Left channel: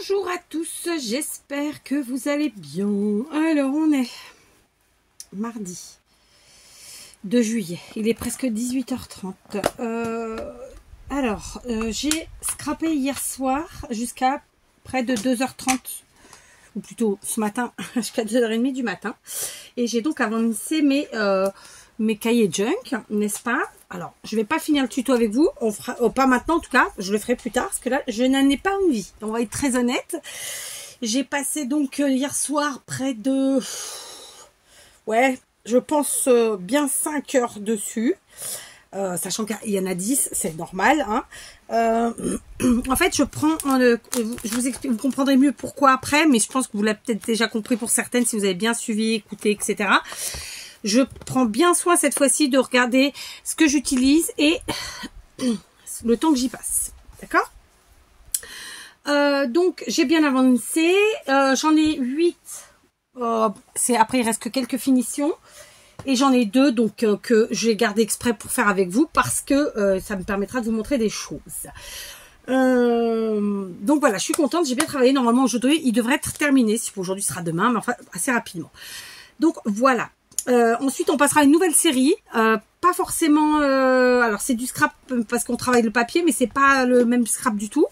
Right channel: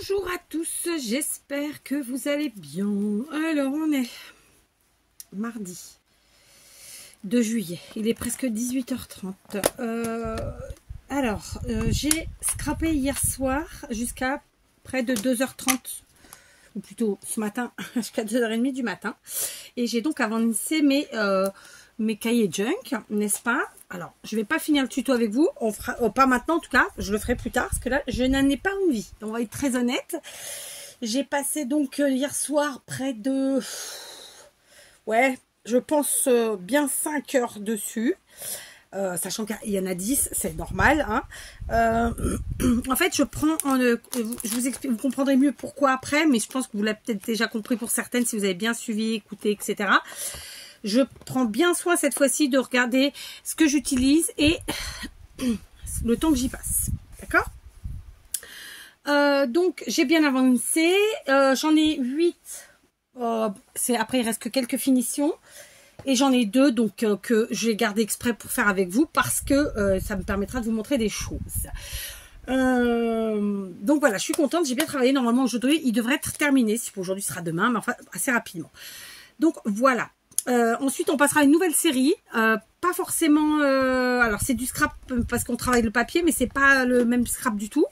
Bonjour à tous, j'espère que vous allez bien. Alors, on est mardi 2 juillet, il est presque 18h30. J'ai scrappé hier soir jusqu'à près de 2h30, ou plutôt ce matin, jusqu'à 2h30 du matin. Et j'ai donc avancé mes cahiers junk, n'est-ce pas? Alors, je ne vais pas finir le tuto avec vous, on fera, pas maintenant en tout cas, je le ferai plus tard, parce que là, je n'en ai pas envie. On va être très honnête. J'ai passé donc hier soir près de, ouais, je pense bien 5 heures dessus, sachant qu'il y en a 10, c'est normal. Hein. En fait, je prends, je vous explique, vous comprendrez mieux pourquoi après, mais je pense que vous l'avez peut-être déjà compris pour certaines, si vous avez bien suivi, écouté, etc. Je prends bien soin cette fois-ci de regarder ce que j'utilise et le temps que j'y passe. D'accord? Donc, j'ai bien avancé. J'en ai 8. Après, il reste que quelques finitions. Et j'en ai 2 donc, que je vais garder exprès pour faire avec vous parce que ça me permettra de vous montrer des choses. Donc voilà, je suis contente. J'ai bien travaillé. Normalement, aujourd'hui, il devrait être terminé. Si aujourd'hui sera demain, mais enfin, assez rapidement. Donc, voilà. Ensuite on passera à une nouvelle série, pas forcément, alors c'est du scrap parce qu'on travaille le papier, mais c'est pas le même scrap du tout,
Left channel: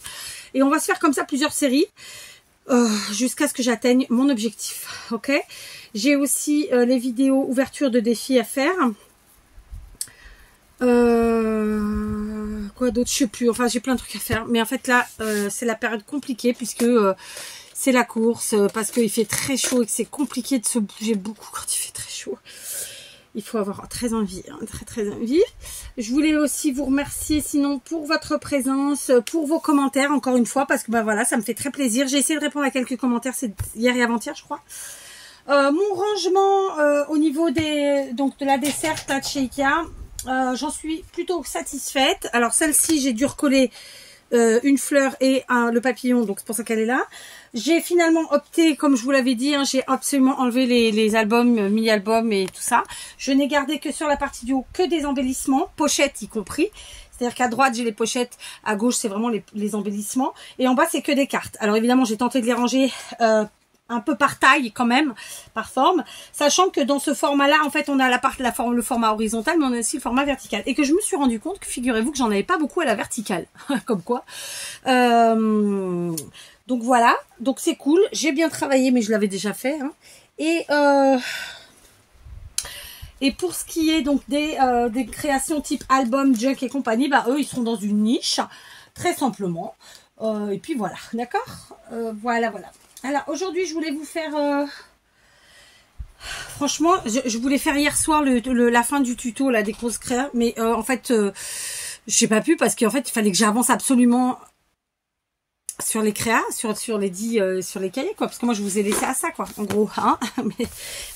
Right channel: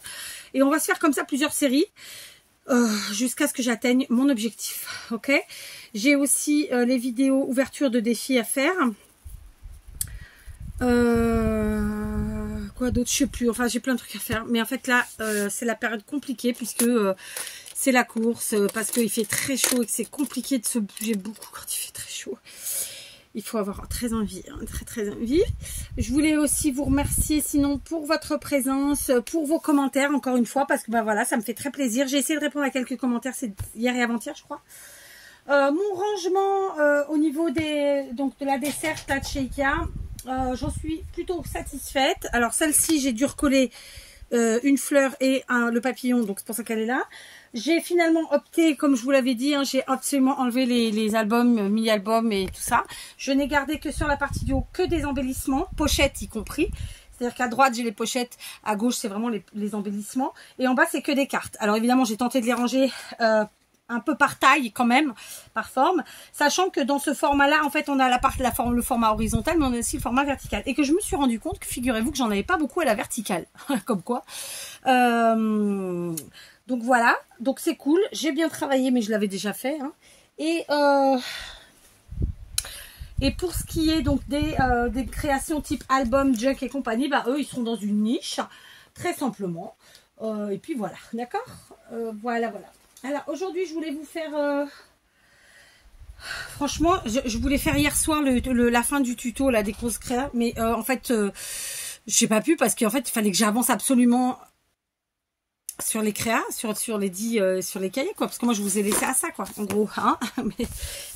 et on va se faire comme ça plusieurs séries jusqu'à ce que j'atteigne mon objectif. Ok, j'ai aussi les vidéos ouverture de défis à faire, quoi d'autre, je sais plus, enfin j'ai plein de trucs à faire, mais en fait là c'est la période compliquée puisque c'est la course, parce qu'il fait très chaud et que c'est compliqué de se bouger beaucoup quand il fait très chaud. Il faut avoir très envie, hein, très envie. Je voulais aussi vous remercier sinon pour votre présence, pour vos commentaires encore une fois, parce que ben voilà, ça me fait très plaisir. J'ai essayé de répondre à quelques commentaires, c'est hier et avant-hier je crois. Mon rangement au niveau de la desserte là, de chez Ikea, j'en suis plutôt satisfaite. Alors celle-ci, j'ai dû recoller une fleur et le papillon, donc c'est pour ça qu'elle est là. J'ai finalement opté, comme je vous l'avais dit, hein, j'ai absolument enlevé les albums, mini-albums et tout ça. Je n'ai gardé que sur la partie du haut que des embellissements, pochettes y compris. C'est-à-dire qu'à droite, j'ai les pochettes, à gauche, c'est vraiment les embellissements. Et en bas, c'est que des cartes. Alors évidemment, j'ai tenté de les ranger un peu par taille quand même, par forme. Sachant que dans ce format-là, en fait, on a le format horizontal, mais on a aussi le format vertical. Et que je me suis rendu compte que, figurez-vous, que j'en avais pas beaucoup à la verticale. Comme quoi. Donc voilà, donc c'est cool, j'ai bien travaillé mais je l'avais déjà fait. Hein. Et pour ce qui est donc des créations type album, junk et compagnie, bah eux ils sont dans une niche, très simplement. Et puis voilà, d'accord, voilà. Alors aujourd'hui je voulais vous faire, franchement je voulais faire hier soir la fin du tuto là, des grosses créas, mais en fait j'ai pas pu parce qu'en fait il fallait que j'avance absolument sur les créas, sur les cahiers quoi, parce que moi je vous ai laissé à ça quoi, en gros, hein. Mais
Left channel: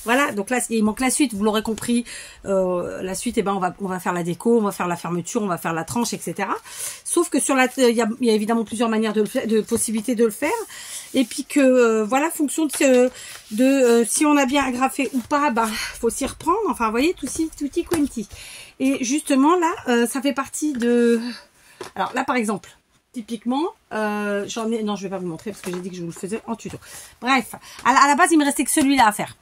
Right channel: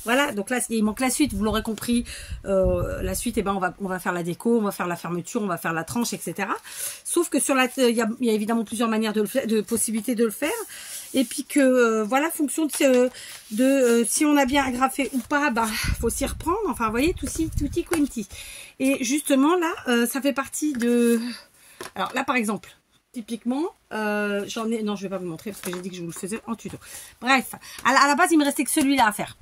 voilà, donc là il manque la suite, vous l'aurez compris, la suite, on va faire la déco, on va faire la fermeture, on va faire la tranche, etc. Sauf que sur il y a évidemment plusieurs manières de possibilités de le faire, et puis que voilà, fonction si on a bien agrafé ou pas, bah faut s'y reprendre, enfin vous voyez, tutti quanti. Et justement là, ça fait partie de, alors là par exemple. Typiquement, j'en ai... Non, je vais pas vous montrer parce que j'ai dit que je vous le faisais en tuto. Bref, à la base, il me restait que celui-là à faire.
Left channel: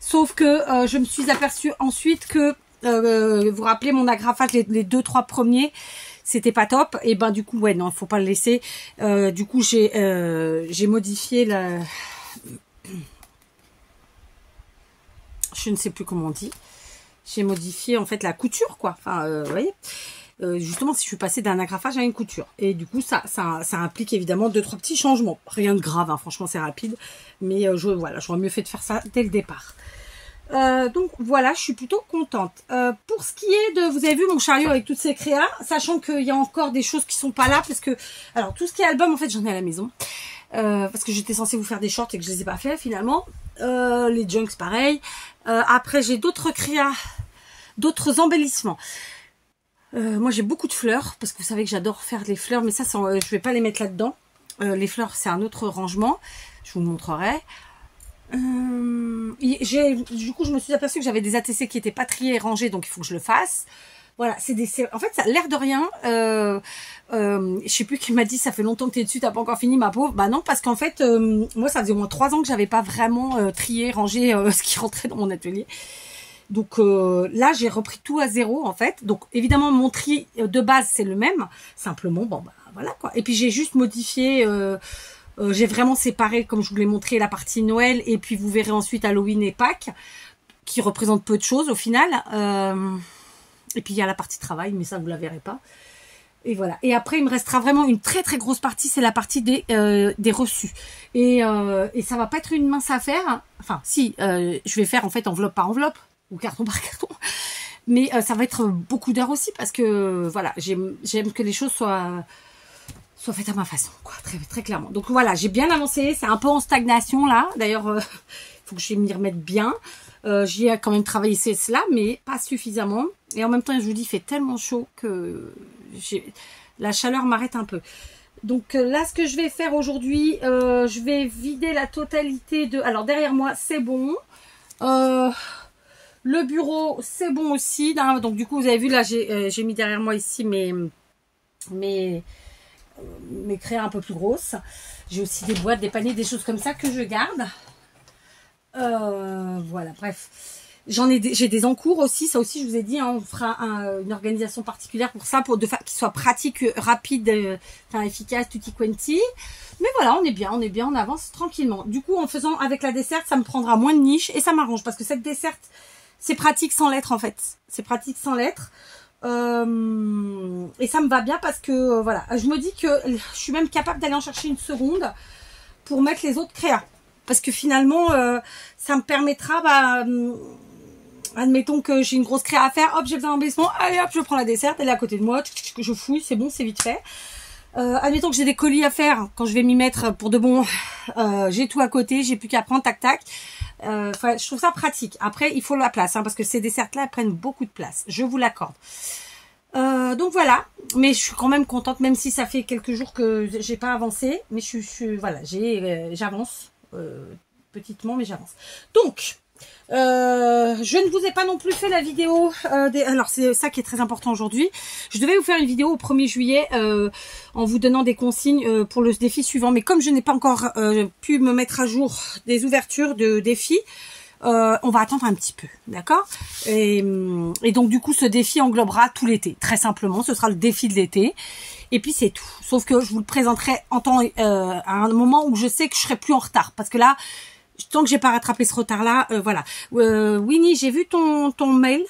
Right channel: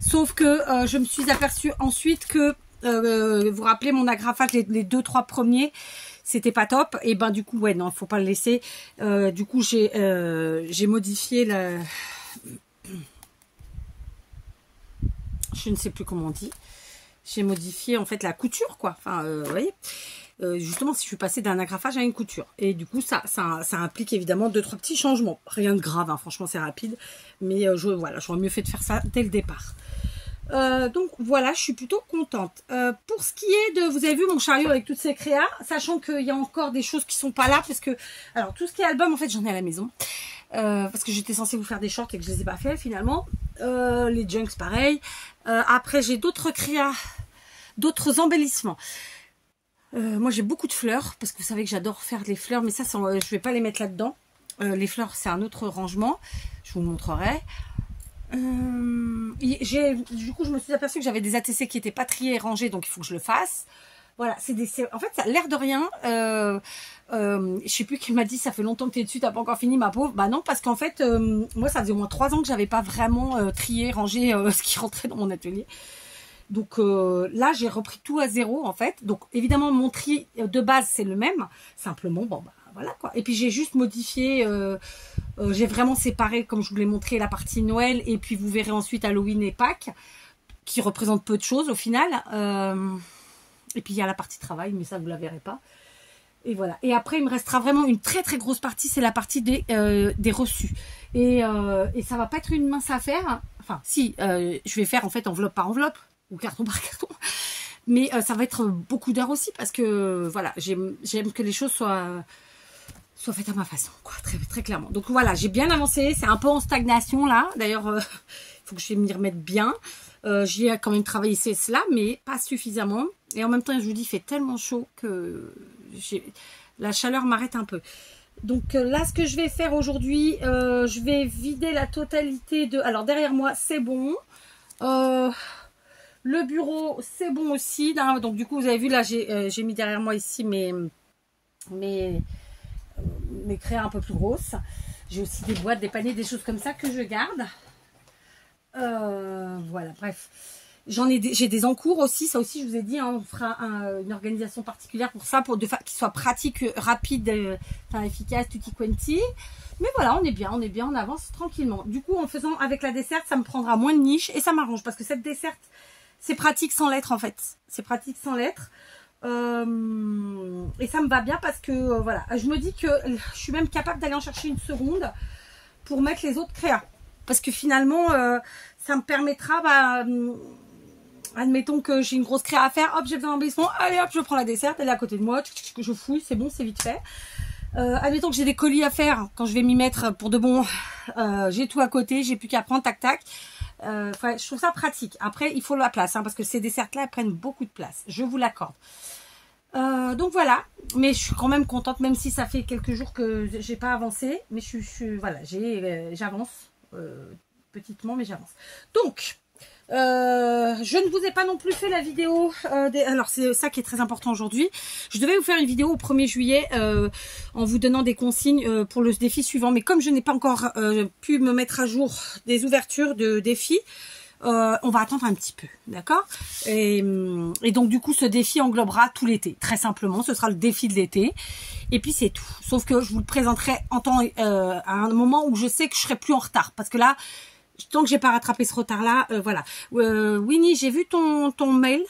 Sauf que je me suis aperçue ensuite que, vous vous rappelez, mon agrafage, les 2-3 premiers, c'était pas top. Et ben du coup, ouais, non, faut pas le laisser. Du coup, j'ai modifié la... Je ne sais plus comment on dit. J'ai modifié en fait la couture, quoi. Enfin, vous voyez. Justement, si je suis passée d'un agrafage à une couture. Et du coup, ça implique évidemment 2-3 petits changements. Rien de grave, hein, franchement, c'est rapide. Mais voilà, j'aurais mieux fait de faire ça dès le départ. Donc voilà, je suis plutôt contente. Pour ce qui est de... Vous avez vu mon chariot avec toutes ces créas, sachant qu'il y a encore des choses qui sont pas là, parce que... Alors, tout ce qui est album, en fait, j'en ai à la maison. Parce que j'étais censée vous faire des shorts et que je les ai pas fait, finalement. Les junks, pareil. Après, j'ai d'autres créas, d'autres embellissements. Moi j'ai beaucoup de fleurs parce que vous savez que j'adore faire des fleurs, mais ça je vais pas les mettre là-dedans. Les fleurs c'est un autre rangement, je vous le montrerai. Du coup je me suis aperçue que j'avais des ATC qui n'étaient pas triés et rangés, donc il faut que je le fasse. Voilà, en fait, ça a l'air de rien. Je sais plus qui m'a dit, ça fait longtemps que tu es dessus, t'as pas encore fini, ma pauvre. Bah non, parce qu'en fait, moi, ça faisait au moins 3 ans que j'avais pas vraiment trié, rangé ce qui rentrait dans mon atelier. Donc là, j'ai repris tout à zéro, en fait. Donc, évidemment, mon tri de base, c'est le même. Simplement, bon, bah voilà, quoi. Et puis, j'ai juste modifié... j'ai vraiment séparé, comme je vous l'ai montré, la partie Noël. Et puis, vous verrez ensuite Halloween et Pâques, qui représentent peu de choses, au final. Et puis il y a la partie travail, mais ça vous la verrez pas. Et voilà. Et après il me restera vraiment une très très grosse partie, c'est la partie des reçus. Et ça va pas être une mince affaire. Enfin si, je vais faire en fait enveloppe par enveloppe ou carton par carton. Mais ça va être beaucoup d'heures aussi parce que voilà, j'aime que les choses soient faites à ma façon, quoi, très très clairement. Donc voilà, j'ai bien avancé. C'est un peu en stagnation là. D'ailleurs, faut que je m'y remette bien. J'y ai quand même travaillé cela, mais pas suffisamment. Et en même temps, je vous dis, il fait tellement chaud que la chaleur m'arrête un peu. Donc là, ce que je vais faire aujourd'hui, je vais vider la totalité de... Alors derrière moi, c'est bon. Le bureau, c'est bon aussi. Donc du coup, vous avez vu, là, j'ai mis derrière moi ici mes crayons un peu plus grosses. J'ai aussi des boîtes, des paniers, des choses comme ça que je garde. Voilà, bref. J'ai des encours aussi, ça aussi je vous ai dit, hein, on fera une organisation particulière pour ça, pour qu'il soit pratique, rapide, enfin efficace, tutti quanti. Mais voilà, on est bien, on avance tranquillement. Du coup, en faisant avec la desserte, ça me prendra moins de niche et ça m'arrange parce que cette desserte, c'est pratique sans lettres en fait. C'est pratique sans lettres. Et ça me va bien parce que voilà, je me dis que je suis même capable d'aller en chercher une seconde pour mettre les autres créas. Parce que finalement, ça me permettra, admettons que j'ai une grosse créa à faire, hop, j'ai besoin d'un embellissement, allez hop, je prends la desserte, elle est à côté de moi, je fouille, c'est bon, c'est vite fait. Admettons que j'ai des colis à faire, quand je vais m'y mettre pour de bon, j'ai tout à côté, j'ai plus qu'à prendre, tac tac. Je trouve ça pratique. Après, il faut la place, hein, parce que ces dessertes-là, elles prennent beaucoup de place, je vous l'accorde. Donc voilà, mais je suis quand même contente, même si ça fait quelques jours que j'ai pas avancé, mais voilà, j'avance. Petitement, mais j'avance. Donc je ne vous ai pas non plus fait la vidéo alors c'est ça qui est très important aujourd'hui. Je devais vous faire une vidéo au 1er juillet en vous donnant des consignes pour le défi suivant, mais comme je n'ai pas encore pu me mettre à jour des ouvertures de défis, on va attendre un petit peu, d'accord, et donc du coup ce défi englobera tout l'été, très simplement. Ce sera le défi de l'été. Et puis c'est tout. Sauf que je vous le présenterai en temps, à un moment où je sais que je serai plus en retard. Parce que là, tant que j'ai pas rattrapé ce retard-là, voilà. Winnie, j'ai vu ton mail.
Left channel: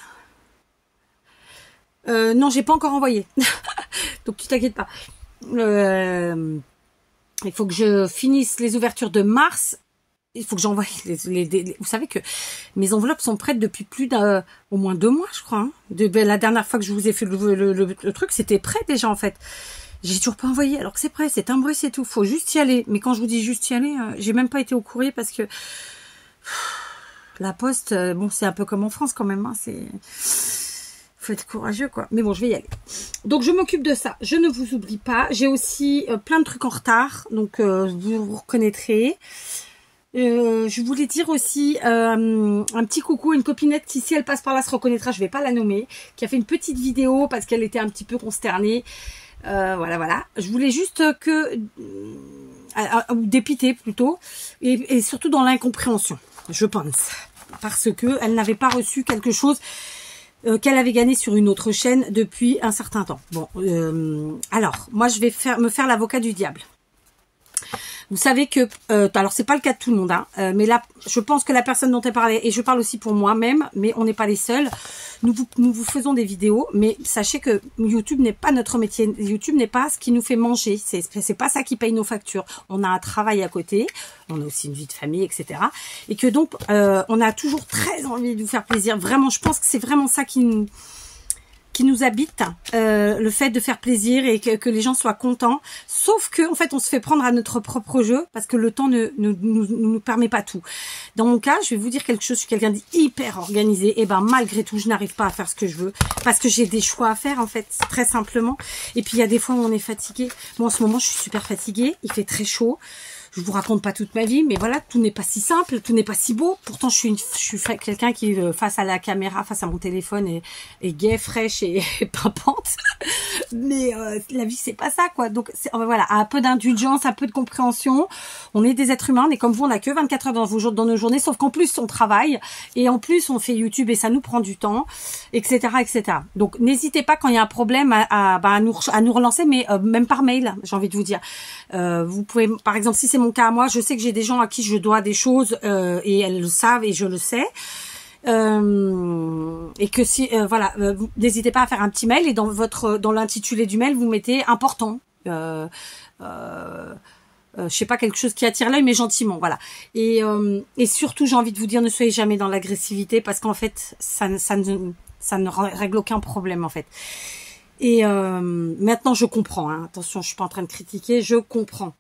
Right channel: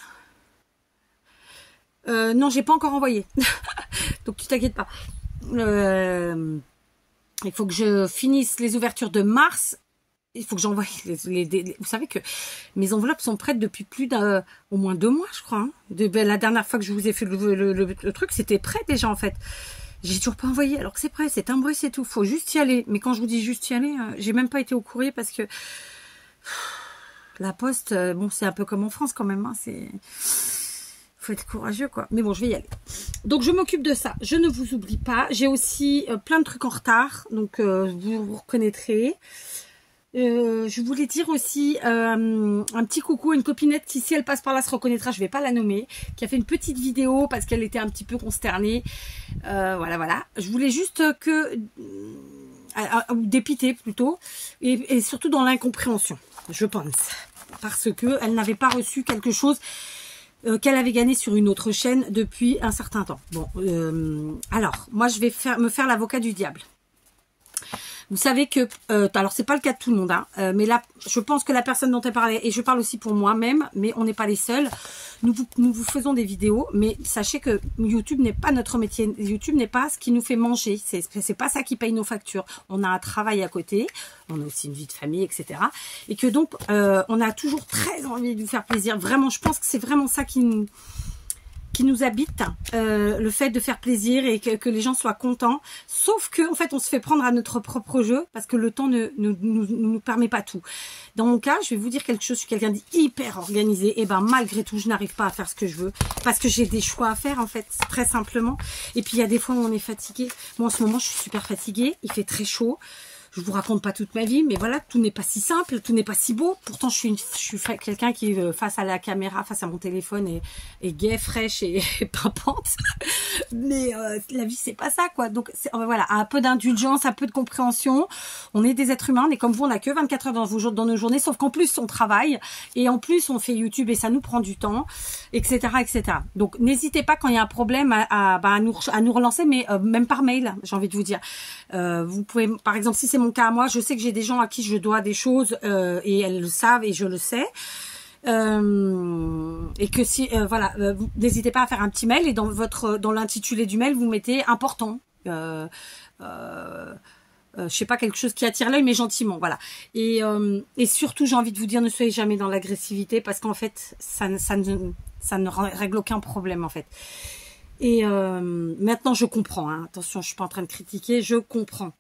Non, j'ai pas encore envoyé. Donc tu t'inquiètes pas. Il faut que je finisse les ouvertures de mars. Il faut que j'envoie vous savez que mes enveloppes sont prêtes depuis plus au moins 2 mois, je crois. Hein. La dernière fois que je vous ai fait le truc, c'était prêt déjà en fait. J'ai toujours pas envoyé alors que c'est prêt, c'est timbré, c'est tout. Faut juste y aller. Mais quand je vous dis juste y aller, j'ai même pas été au courrier parce que la poste, bon, c'est un peu comme en France quand même. Hein, faut être courageux quoi. Mais bon, je vais y aller. Donc je m'occupe de ça. Je ne vous oublie pas. J'ai aussi plein de trucs en retard, donc vous reconnaîtrez. Je voulais dire aussi un petit coucou à une copinette qui, si elle passe par là, se reconnaîtra, je vais pas la nommer, qui a fait une petite vidéo parce qu'elle était un petit peu consternée. Voilà. Je voulais juste dépiter plutôt, et surtout dans l'incompréhension, je pense, parce que elle n'avait pas reçu quelque chose qu'elle avait gagné sur une autre chaîne depuis un certain temps. Bon, alors, moi je vais me faire l'avocat du diable. Vous savez que, alors c'est pas le cas de tout le monde, hein, mais là, je pense que la personne dont elle parlait, et je parle aussi pour moi-même, mais on n'est pas les seuls, nous vous faisons des vidéos, mais sachez que YouTube n'est pas notre métier, YouTube n'est pas ce qui nous fait manger, c'est pas ça qui paye nos factures. On a un travail à côté, on a aussi une vie de famille, etc. Et que donc, on a toujours très envie de vous faire plaisir. Vraiment, je pense que c'est vraiment ça qui nous habite, le fait de faire plaisir et que les gens soient contents, sauf que en fait on se fait prendre à notre propre jeu parce que le temps ne nous permet pas tout. Dans mon cas, je vais vous dire quelque chose, je suis quelqu'un d'hyper organisé, et ben malgré tout je n'arrive pas à faire ce que je veux parce que j'ai des choix à faire en fait, très simplement. Et puis il y a des fois où on est fatigué. Moi en ce moment je suis super fatiguée, il fait très chaud. Je vous raconte pas toute ma vie, mais voilà, tout n'est pas si simple, tout n'est pas si beau. Pourtant, je suis quelqu'un qui, face à la caméra, face à mon téléphone, est gai, fraîche et pimpante. Mais la vie, c'est pas ça, quoi. Donc, voilà, un peu d'indulgence, un peu de compréhension. On est des êtres humains, mais comme vous, on n'a que 24 heures dans nos journées, sauf qu'en plus, on travaille. Et en plus, on fait YouTube et ça nous prend du temps, etc., etc. Donc, n'hésitez pas quand il y a un problème à nous relancer, mais même par mail, j'ai envie de vous dire. Vous pouvez, par exemple, si c'est mon cas à moi, je sais que j'ai des gens à qui je dois des choses et elles le savent et je le sais. Et que si, voilà, n'hésitez pas à faire un petit mail et dans l'intitulé du mail, vous mettez important. Je sais pas, quelque chose qui attire l'œil, mais gentiment, voilà. Et surtout, j'ai envie de vous dire, ne soyez jamais dans l'agressivité parce qu'en fait, ça ne règle aucun problème, en fait. Et maintenant, je comprends. Hein. Attention, je suis pas en train de critiquer. Je comprends.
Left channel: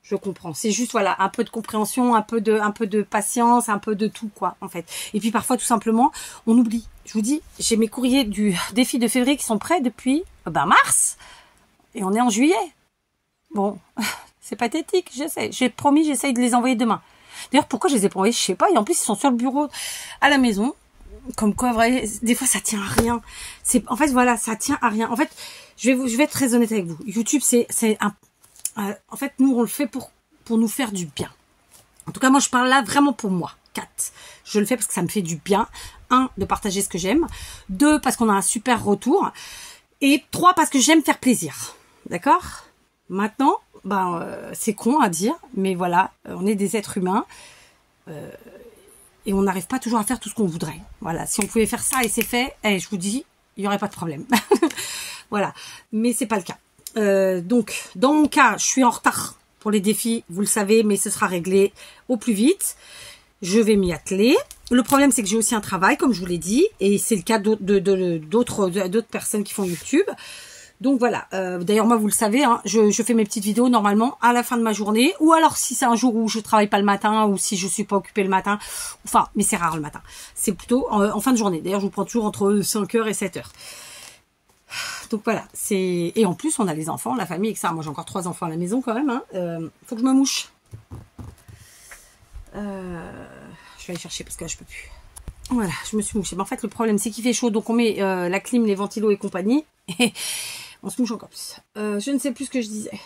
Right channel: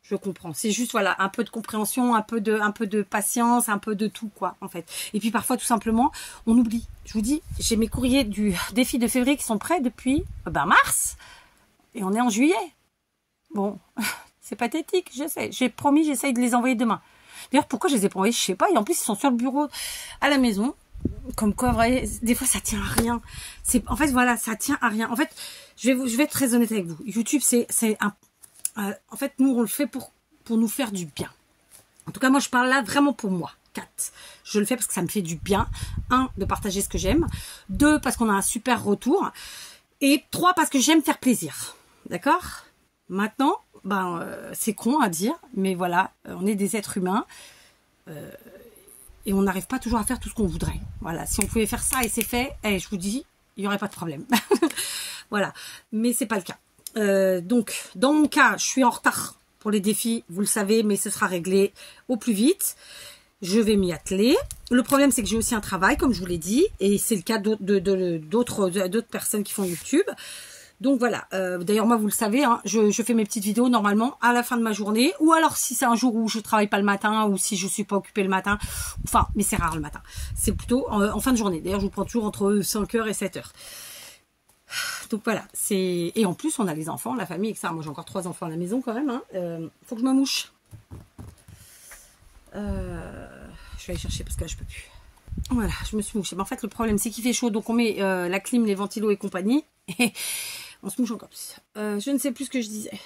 C'est juste, voilà, un peu de compréhension, un peu de patience, un peu de tout, quoi, en fait. Et puis parfois, tout simplement, on oublie. Je vous dis, j'ai mes courriers du défi de février qui sont prêts depuis mars, et on est en juillet. Bon, c'est pathétique. J'essaie. J'ai promis, j'essaye de les envoyer demain. D'ailleurs, pourquoi je les ai pas envoyés, je sais pas. Et en plus, ils sont sur le bureau à la maison. Comme quoi, vrai, des fois, ça tient à rien. En fait, voilà, ça tient à rien. En fait, je vais être très honnête avec vous. YouTube, en fait, nous, on le fait pour nous faire du bien. En tout cas, moi, je parle là vraiment pour moi. 4. Je le fais parce que ça me fait du bien. 1, de partager ce que j'aime. 2, parce qu'on a un super retour. Et 3, parce que j'aime faire plaisir. D'accord? Maintenant, c'est con à dire, mais voilà, on est des êtres humains. Et on n'arrive pas toujours à faire tout ce qu'on voudrait. Voilà, si on pouvait faire ça et c'est fait, je vous dis, il n'y aurait pas de problème. Voilà, mais c'est pas le cas. Donc, dans mon cas, je suis en retard pour les défis, vous le savez, mais ce sera réglé au plus vite. Je vais m'y atteler. Le problème, c'est que j'ai aussi un travail, comme je vous l'ai dit, et c'est le cas d'autres personnes qui font YouTube. Donc voilà, d'ailleurs moi vous le savez, hein, je fais mes petites vidéos normalement à la fin de ma journée, ou alors si c'est un jour où je travaille pas le matin, ou si je suis pas occupée le matin, enfin, mais c'est rare le matin, c'est plutôt en fin de journée. D'ailleurs je vous prends toujours entre 5h et 7h. Donc voilà, et en plus on a les enfants, la famille, etc. Moi j'ai encore 3 enfants à la maison quand même, hein. Faut que je me mouche. Je vais aller chercher parce que là je peux plus. Voilà, je me suis mouchée. Mais en fait le problème c'est qu'il fait chaud, donc on met la clim, les ventilos et compagnie. On se mouche encore plus. Je ne sais plus ce que je disais.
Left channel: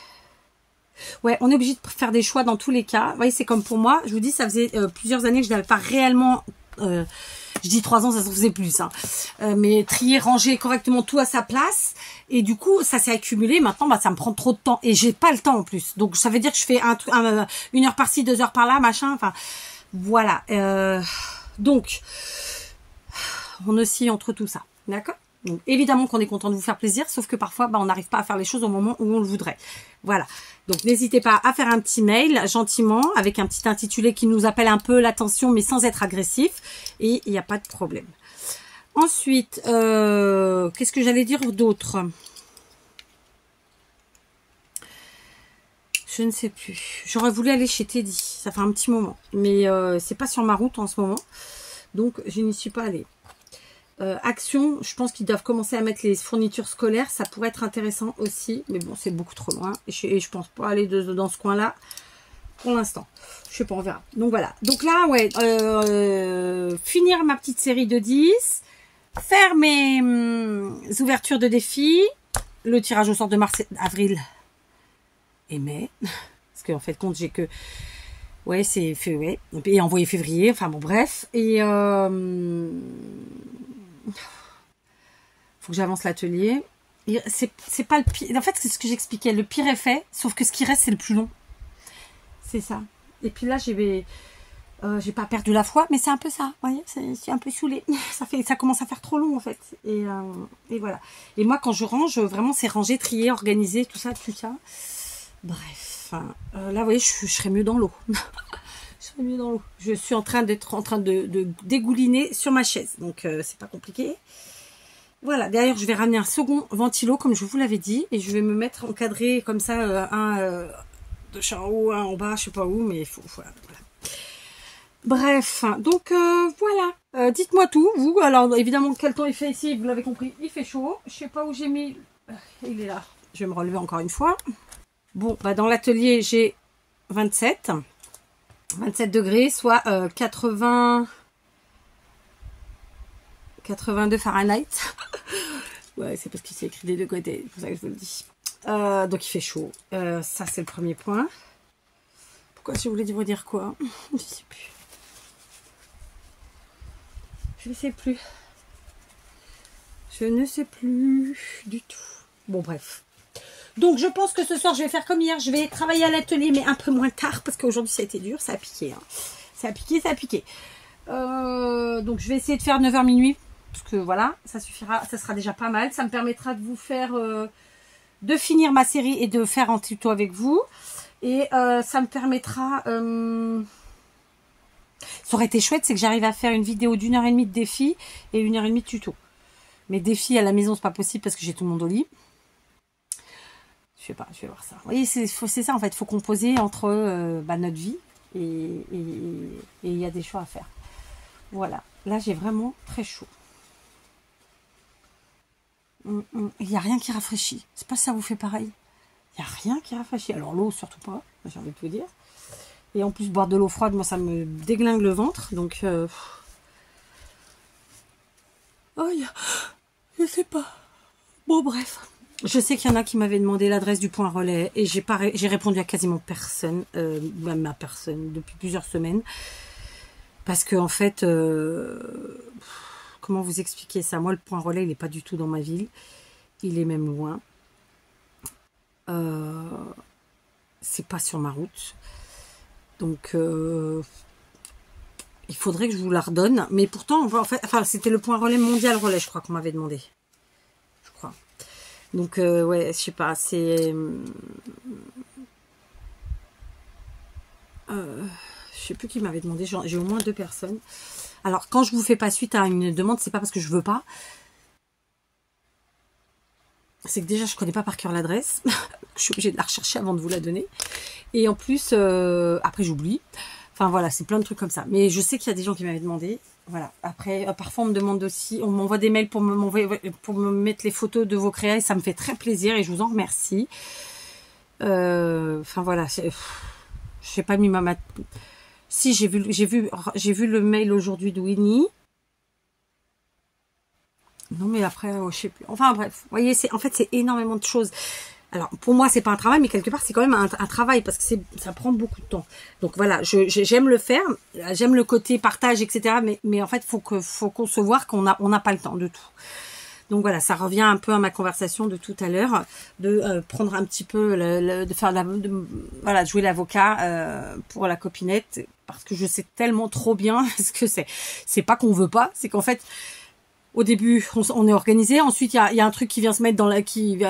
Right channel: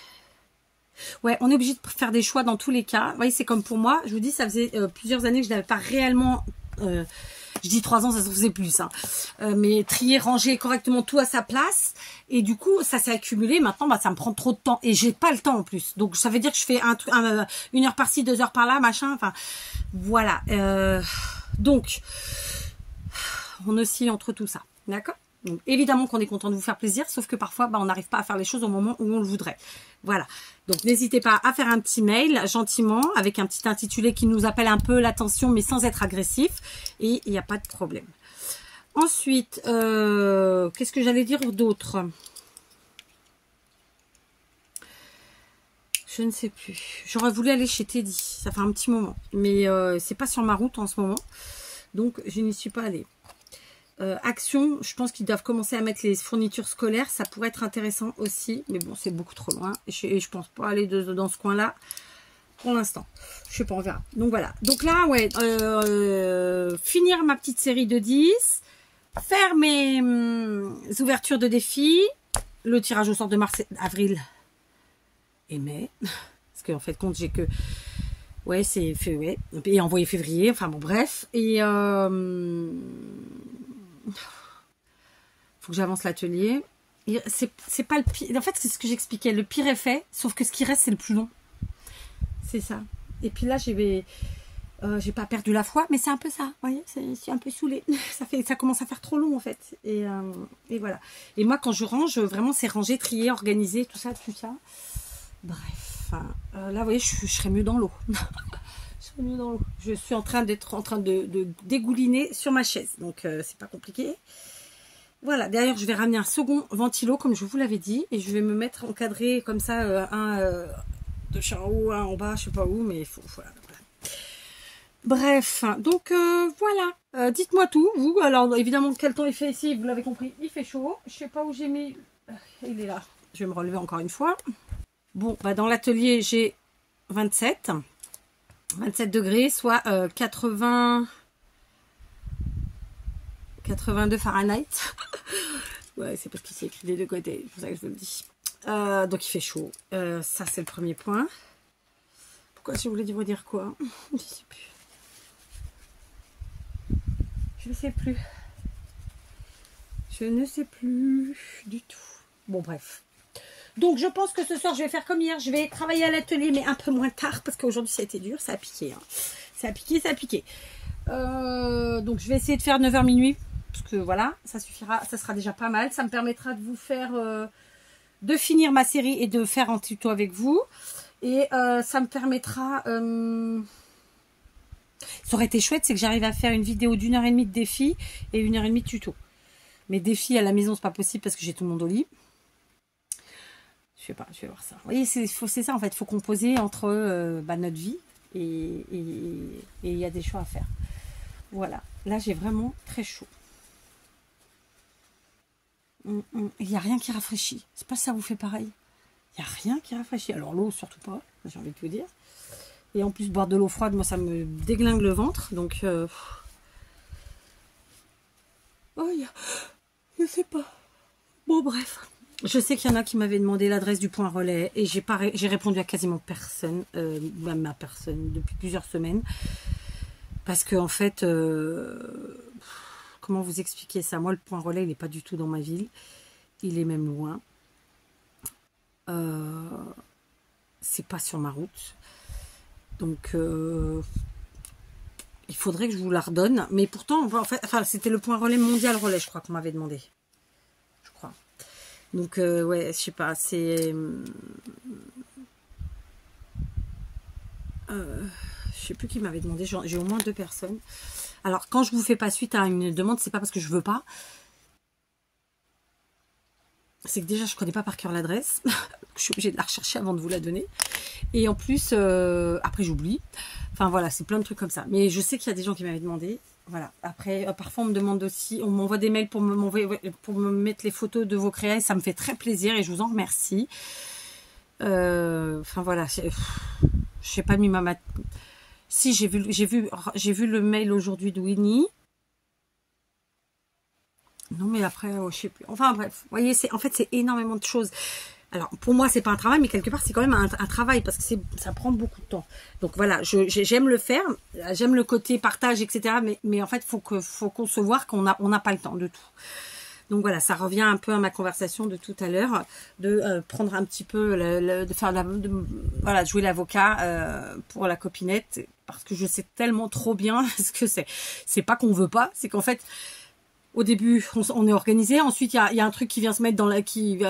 Ouais, on est obligé de faire des choix dans tous les cas. Vous voyez, c'est comme pour moi. Je vous dis, ça faisait plusieurs années que je n'avais pas réellement... je dis 3 ans, ça se faisait plus. Hein, mais trier, ranger correctement tout à sa place. Et du coup, ça s'est accumulé. Maintenant, ça me prend trop de temps. Et j'ai pas le temps en plus. Donc, ça veut dire que je fais 1 heure par-ci, 2 heures par-là, machin. Enfin, voilà. Donc, on oscille entre tout ça. D'accord ? Donc, évidemment qu'on est content de vous faire plaisir, sauf que parfois, on n'arrive pas à faire les choses au moment où on le voudrait. Voilà. Donc, n'hésitez pas à faire un petit mail, gentiment, avec un petit intitulé qui nous appelle un peu l'attention, mais sans être agressif. Et il n'y a pas de problème. Ensuite, qu'est-ce que j'allais dire d'autre? Je ne sais plus. J'aurais voulu aller chez Teddy. Ça fait un petit moment. Mais c'est pas sur ma route en ce moment. Donc, je n'y suis pas allée. Action, je pense qu'ils doivent commencer à mettre les fournitures scolaires, ça pourrait être intéressant aussi, mais bon, c'est beaucoup trop loin, et je pense pas aller dans ce coin-là pour l'instant. Je sais pas, on verra. Donc voilà. Donc là, ouais, finir ma petite série de 10, faire mes ouvertures de défis, le tirage au sort de mars, avril et mai, parce qu'en fait, compte, j'ai que... Ouais, c'est fait, ouais, et envoyé février, enfin bon, bref, et... faut que j'avance l'atelier. C'est pas le pire. En fait, c'est ce que j'expliquais. Le pire est fait, sauf que ce qui reste, c'est le plus long. C'est ça. Et puis là, j'ai pas perdu la foi, mais c'est un peu ça. Vous voyez, je suis un peu saoulée. Ça commence à faire trop long, en fait. Et voilà. Et moi, quand je range, vraiment, c'est ranger, trier, organiser, tout ça, tout ça. Bref. Là, vous voyez, je serais mieux dans l'eau. Je serais mieux dans l'eau. Je suis en train de dégouliner sur ma chaise. Donc, c'est pas compliqué. Voilà, derrière, je vais ramener un second ventilo, comme je vous l'avais dit, et je vais me mettre encadré comme ça, un de chez en haut, un en bas, je sais pas où, mais il faut, voilà. Bref, donc voilà, dites-moi tout, vous, alors évidemment, quel temps il fait ici, vous l'avez compris, il fait chaud, je sais pas où j'ai mis, il est là, je vais me relever encore une fois. Bon, dans l'atelier, j'ai 27, 27 degrés, soit 82 Fahrenheit. Ouais, c'est parce qu'il s'est écrit des deux côtés, c'est pour ça que je vous le dis. Donc il fait chaud. Ça, c'est le premier point. Pourquoi je voulais vous dire quoi? Je ne sais plus. Je ne sais plus. Je ne sais plus du tout. Bon, bref. Donc, je pense que ce soir, je vais faire comme hier. Je vais travailler à l'atelier, mais un peu moins tard, parce qu'aujourd'hui, ça a été dur. Ça a piqué. Hein. Ça a piqué, ça a piqué. Donc, je vais essayer de faire 9h minuit. Parce que voilà, ça suffira. Ça sera déjà pas mal. Ça me permettra de vous faire... de finir ma série et de faire un tuto avec vous. Et ça me permettra... Ça aurait été chouette, c'est que j'arrive à faire une vidéo d'1h30 de défi et 1h30 de tuto. Mais défi à la maison, c'est pas possible parce que j'ai tout le monde au lit. Je sais pas, je vais voir ça. Vous voyez, c'est ça en fait, il faut composer entre notre vie et il y a des choix à faire. Voilà, là j'ai vraiment très chaud. Il n'y a rien qui rafraîchit. C'est pas ça vous fait pareil. Il n'y a rien qui rafraîchit. Alors l'eau, surtout pas, j'ai envie de vous dire. Et en plus, boire de l'eau froide, moi, ça me déglingue le ventre. Donc, oh, je sais pas. Bon, bref. Je sais qu'il y en a qui m'avaient demandé l'adresse du point relais. Et j'ai répondu à quasiment personne. Même à personne, depuis plusieurs semaines. Parce que, en fait, comment vous expliquer ça? Moi, le point relais, il n'est pas du tout dans ma ville. Il est même loin. C'est pas sur ma route. Donc, il faudrait que je vous la redonne. Mais pourtant, en fait, enfin, c'était le point relais mondial relais, je crois qu'on m'avait demandé. Je crois. Donc, ouais, je sais pas, c'est... je sais plus qui m'avait demandé. J'ai au moins 2 personnes. Alors, quand je vous fais pas suite à une demande, c'est pas parce que je veux pas. C'est que déjà, je connais pas par cœur l'adresse. Je suis obligée de la rechercher avant de vous la donner. Et en plus, après, j'oublie. Enfin, voilà, c'est plein de trucs comme ça. Mais je sais qu'il y a des gens qui m'avaient demandé. Voilà. Après, parfois, on me demande aussi... On m'envoie des mails pour me mettre les photos de vos créas. Et ça me fait très plaisir. Et je vous en remercie. Enfin, voilà. Je sais pas mis ma... Si, j'ai vu le mail aujourd'hui de Winnie. Non, mais après, je sais plus. Enfin, bref. Vous voyez, en fait, c'est énormément de choses. Alors, pour moi, c'est pas un travail, mais quelque part, c'est quand même un travail parce que ça prend beaucoup de temps. Donc, voilà, j'aime le faire. J'aime le côté partage, etc. Mais en fait, faut concevoir qu'on n'a pas le temps de tout. Donc, voilà, ça revient un peu à ma conversation de tout à l'heure, de prendre un petit peu, de jouer l'avocat pour la copinette, parce que je sais tellement trop bien ce que c'est. C'est pas qu'on veut pas, c'est qu'en fait... Au début, on est organisé. Ensuite, il y a un truc qui vient se mettre dans la...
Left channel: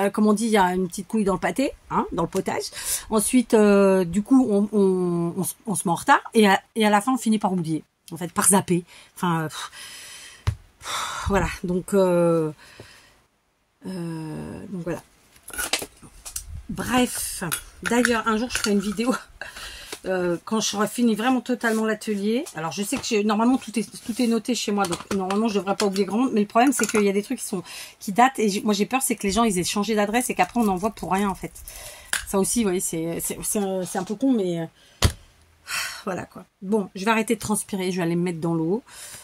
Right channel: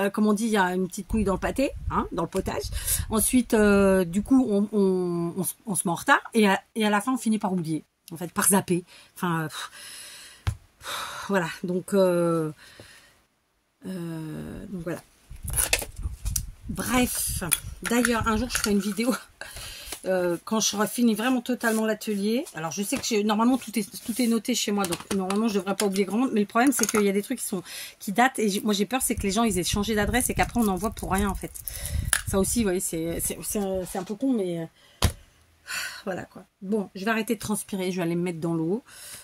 comme on dit, il y a une petite couille dans le pâté, hein, dans le potage. Ensuite, du coup, on se met en retard. Et à la fin, on finit par oublier. En fait, par zapper. Enfin, voilà. Donc voilà. Bref. D'ailleurs, un jour, je ferai une vidéo... quand je serai fini vraiment totalement l'atelier. Alors je sais que normalement tout est noté chez moi, donc normalement je devrais pas oublier grand monde, mais le problème c'est qu'il y a des trucs qui datent et moi j'ai peur c'est que les gens ils aient changé d'adresse et qu'après on envoie pour rien en fait. Ça aussi vous voyez c'est un peu con mais voilà quoi. Bon, je vais arrêter de transpirer, je vais aller me mettre dans l'eau.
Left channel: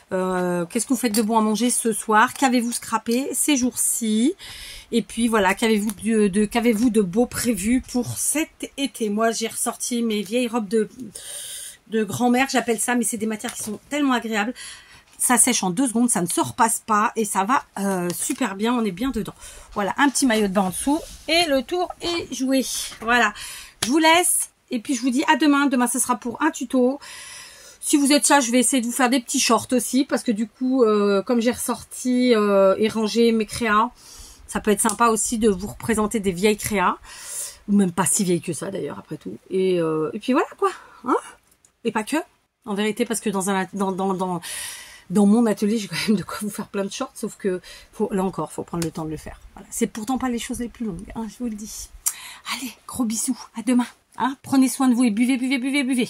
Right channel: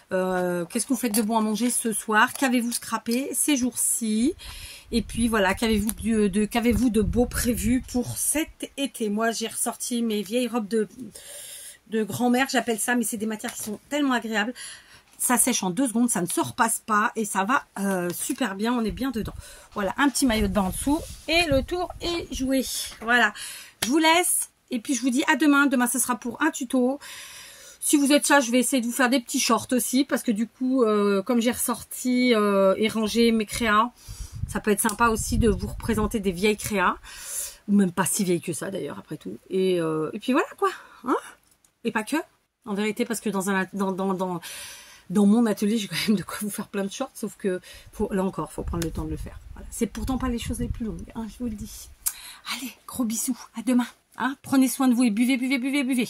Qu'est-ce que vous faites de bon à manger ce soir? Qu'avez-vous scrappé ces jours-ci? Et puis voilà, qu'avez-vous de beau prévu pour cet été? Moi, j'ai ressorti mes vieilles robes de grand-mère, j'appelle ça, mais c'est des matières qui sont tellement agréables. Ça sèche en 2 secondes, ça ne se repasse pas et ça va super bien, on est bien dedans. Voilà, un petit maillot de bain en dessous et le tour est joué. Voilà, je vous laisse et puis je vous dis à demain. Demain, ce sera pour un tuto. Si vous êtes ça, je vais essayer de vous faire des petits shorts aussi parce que du coup, comme j'ai ressorti et rangé mes créas, ça peut être sympa aussi de vous représenter des vieilles créas. Ou même pas si vieilles que ça d'ailleurs, après tout. Et puis voilà quoi. Hein, et pas que. En vérité, parce que dans mon atelier, j'ai quand même de quoi vous faire plein de shorts. Sauf que, là encore, faut prendre le temps de le faire. Voilà. C'est pourtant pas les choses les plus longues, hein, je vous le dis. Allez, gros bisous. À demain. Hein, prenez soin de vous et buvez, buvez, buvez, buvez.